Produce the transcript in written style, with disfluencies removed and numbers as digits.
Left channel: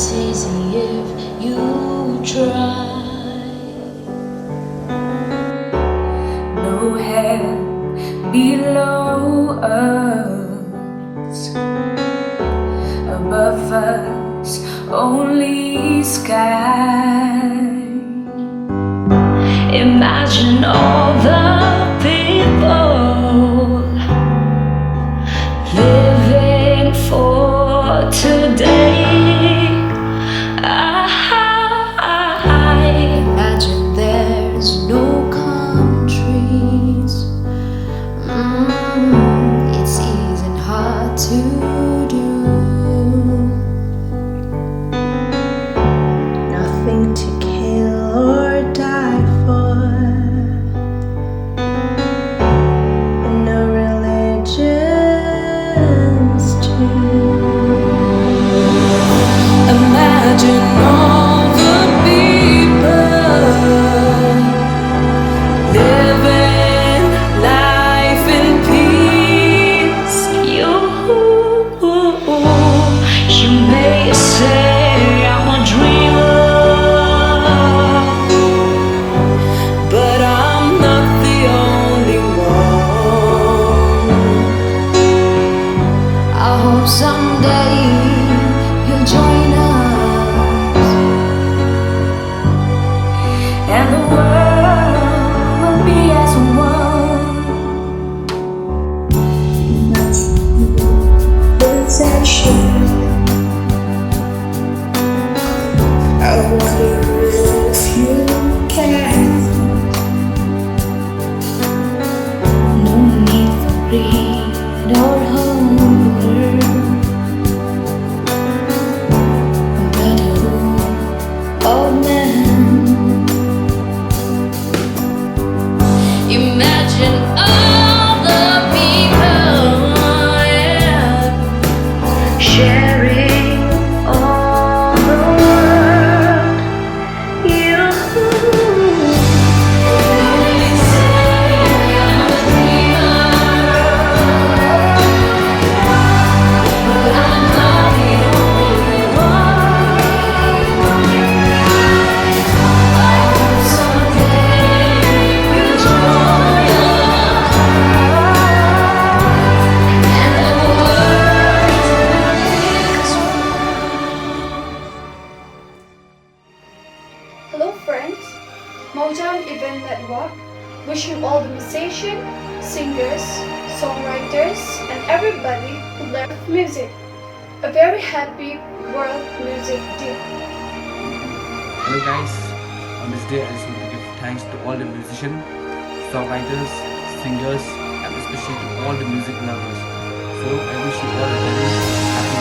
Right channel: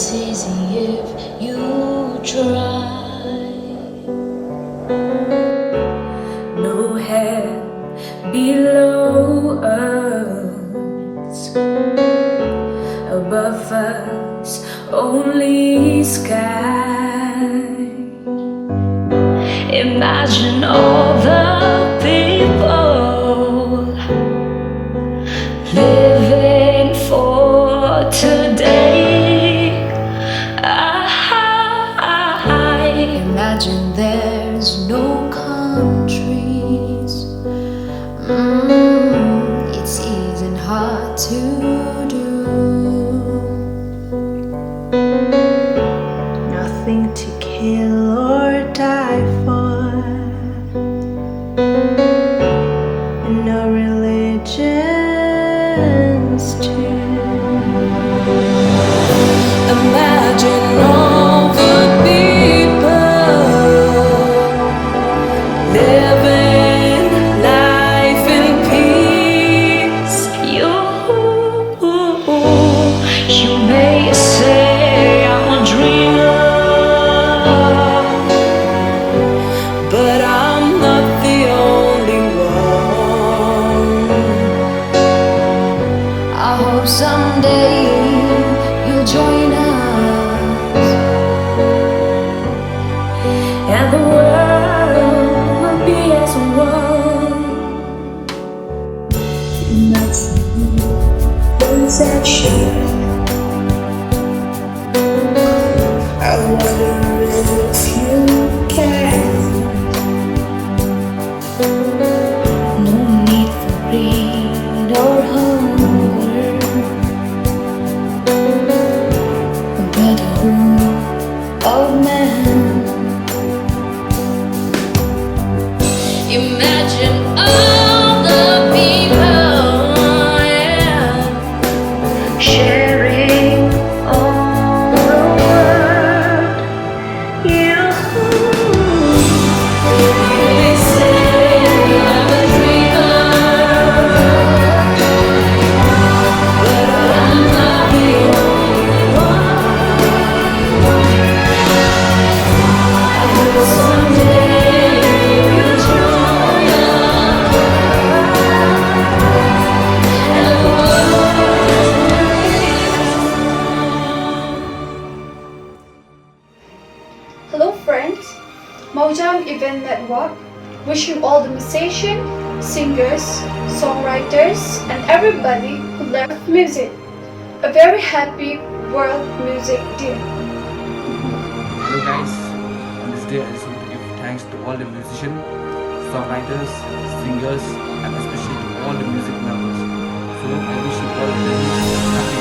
It's easy if you try. No head below us, above us only sky. Imagine all the people living for today. Imagine there's no countries. It's easy and hard to do. Nothing to kill or die for, and no religions too. Imagine all the people living life in peace. You may say I'm a dreamer, But I'm not the only one. I hope someday you'll join us, and the world will be as one. Possession. I wonder if you can. no need for greed or hunger. Brotherhood of man. Imagine all the people, yeah, sharing all the world. You may say I'm a dreamer, but I'm not the only one. I hope someday you'll join us, and the world is one. Hello friends, Motown Event Network wishing all the musicians, singers, songwriters and everybody who love music a very happy World Music Day. Hello guys, on this day I just want to give thanks to all the musicians, songwriters, singers and especially to all the music lovers. So I wish you all a very happy